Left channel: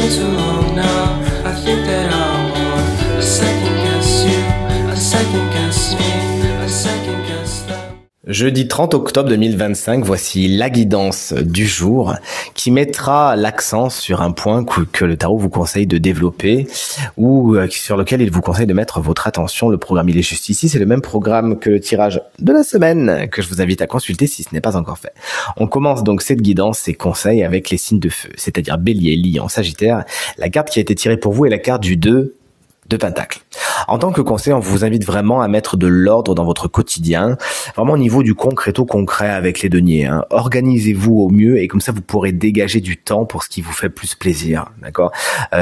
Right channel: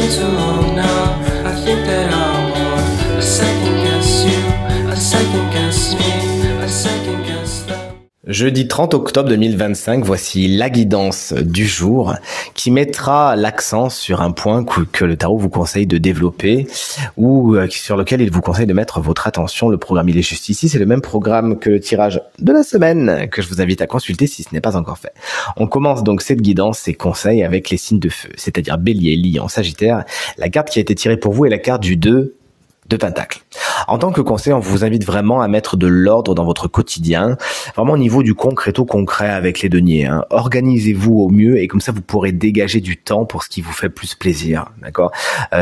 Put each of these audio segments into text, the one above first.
been too long now. I think that I want a second guess you, a second guess me, a second guess them. Jeudi 30 octobre 2025, voici la guidance du jour qui mettra l'accent sur un point que le tarot vous conseille de développer ou sur lequel il vous conseille de mettre votre attention. Le programme, il est juste ici. C'est le même programme que le tirage de la semaine que je vous invite à consulter si ce n'est pas encore fait. On commence donc cette guidance et conseils avec les signes de feu, c'est-à-dire Bélier, Lion, Sagittaire. La carte qui a été tirée pour vous est la carte du 2 de Pentacle. En tant que conseil, on vous invite vraiment à mettre de l'ordre dans votre quotidien, vraiment au niveau du concret avec les deniers. Organisez-vous au mieux et comme ça vous pourrez dégager du temps pour ce qui vous fait plus plaisir, d'accord.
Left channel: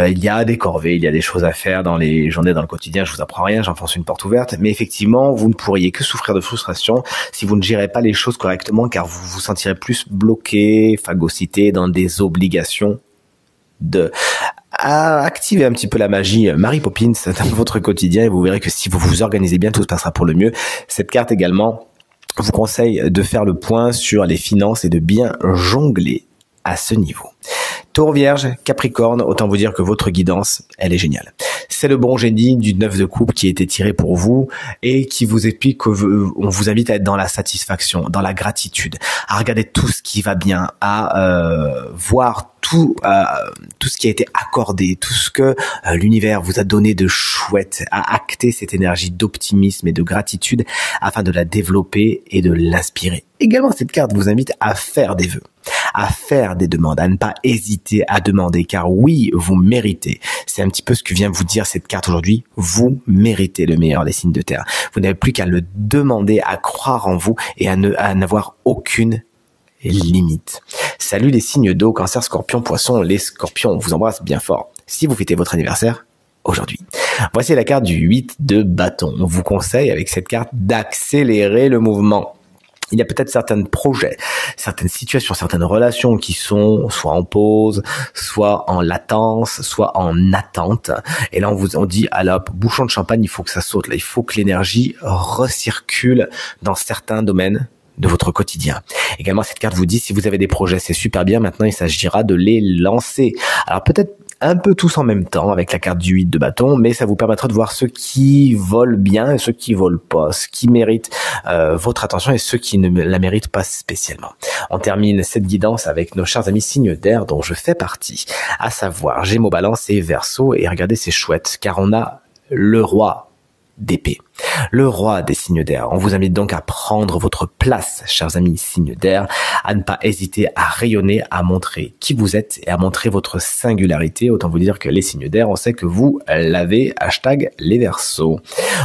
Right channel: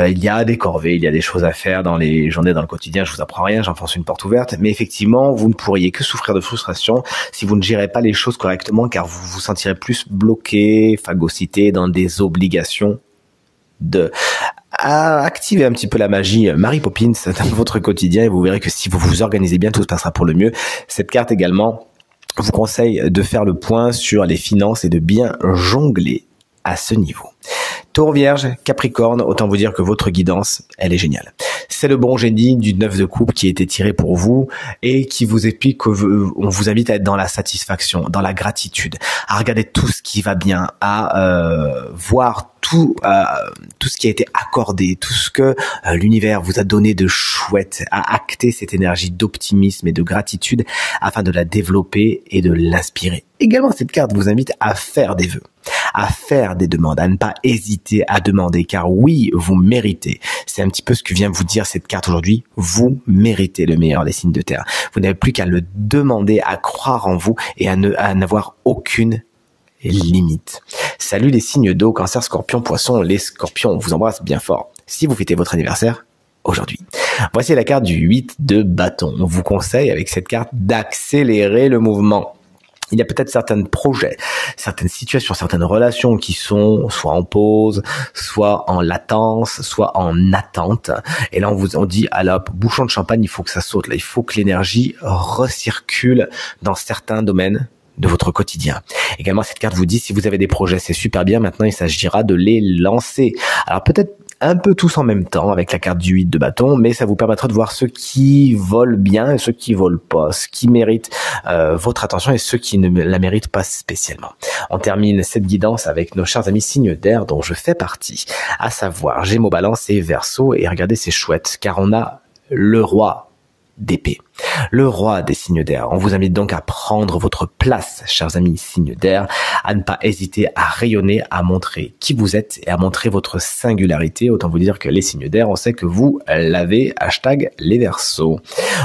Il y a des corvées, il y a des choses à faire dans les journées, dans le quotidien. Je vous apprends rien, j'enfonce une porte ouverte, mais effectivement, vous ne pourriez que souffrir de frustration si vous ne gérez pas les choses correctement, car vous vous sentirez plus bloqué, phagocyté dans des obligations à activer un petit peu la magie Mary Poppins dans votre quotidien et vous verrez que si vous vous organisez bien, tout se passera pour le mieux. Cette carte également vous conseille de faire le point sur les finances et de bien jongler à ce niveau. Taureau, Vierge, Capricorne, autant vous dire que votre guidance, elle est géniale. C'est le bon génie du 9 de coupe qui a été tiré pour vous et qui vous explique qu'on vous invite à être dans la satisfaction, dans la gratitude, à regarder tout ce qui va bien, à voir tout ce qui a été accordé, tout ce que l'univers vous a donné de chouette, à acter cette énergie d'optimisme et de gratitude afin de la développer et de l'inspirer. Également, cette carte vous invite à faire des vœux, à faire des demandes, à ne pas hésiter à demander, car oui, vous méritez. C'est un petit peu ce que vient vous dire cette carte aujourd'hui. Vous méritez le meilleur, les signes de terre. Vous n'avez plus qu'à le demander, à croire en vous et à n'avoir aucune limite. Salut les signes d'eau, Cancer, Scorpion, Poisson. Les Scorpions, on vous embrasse bien fort. Si vous fêtez votre anniversaire aujourd'hui. Voici la carte du 8 de bâton. On vous conseille avec cette carte d'accélérer le mouvement. Il y a peut-être certains projets, certaines situations, certaines relations qui sont soit en pause, soit en latence, soit en attente. Et là, on dit, à la bouchon de champagne, il faut que ça saute. Là, il faut que l'énergie recircule dans certains domaines de votre quotidien. Également, cette carte vous dit, si vous avez des projets, c'est super bien. Maintenant, il s'agira de les lancer. Alors, peut-être un peu tous en même temps avec la carte du 8 de bâton, mais ça vous permettra de voir ceux qui volent bien et ceux qui volent pas, ceux qui méritent votre attention et ceux qui ne la méritent pas spécialement. On termine cette guidance avec nos chers amis signes d'air dont je fais partie, à savoir Gémeaux, Balance et Verseau. Et regardez, c'est chouette car on a le roi d'épée, le roi des signes d'air. On vous invite donc à prendre votre place, chers amis signes d'air, à ne pas hésiter à rayonner, à montrer qui vous êtes et à montrer votre singularité. Autant vous dire que les signes d'air, on sait que vous l'avez, hashtag les Verseaux.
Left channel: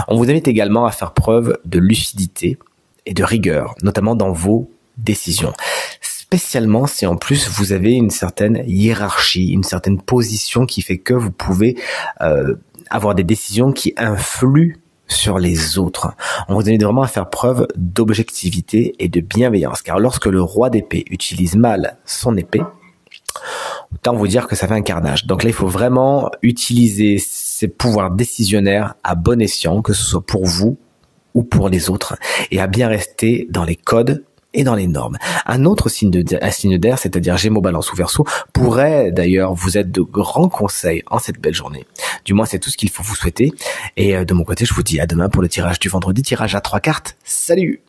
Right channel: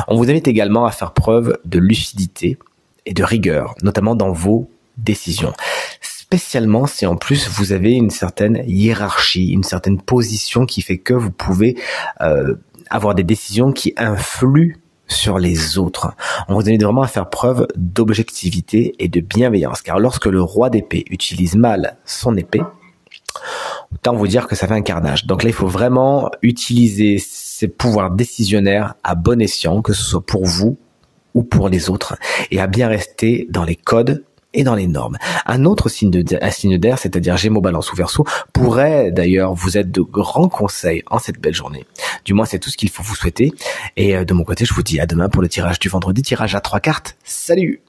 On vous invite également à faire preuve de lucidité et de rigueur, notamment dans vos décisions. Spécialement si en plus vous avez une certaine hiérarchie, une certaine position qui fait que vous pouvez avoir des décisions qui influent sur les autres. On vous invite vraiment à faire preuve d'objectivité et de bienveillance, car lorsque le roi d'épée utilise mal son épée, autant vous dire que ça fait un carnage. Donc là, il faut vraiment utiliser ses pouvoirs décisionnaires à bon escient, que ce soit pour vous ou pour les autres, et à bien rester dans les codes et dans les normes. Un autre signe d'air, c'est-à-dire Gémeaux, Balance ou Verseau, pourrait d'ailleurs vous être de grands conseils en cette belle journée. Du moins, c'est tout ce qu'il faut vous souhaiter. Et de mon côté, je vous dis à demain pour le tirage du vendredi, tirage à 3 cartes. Salut!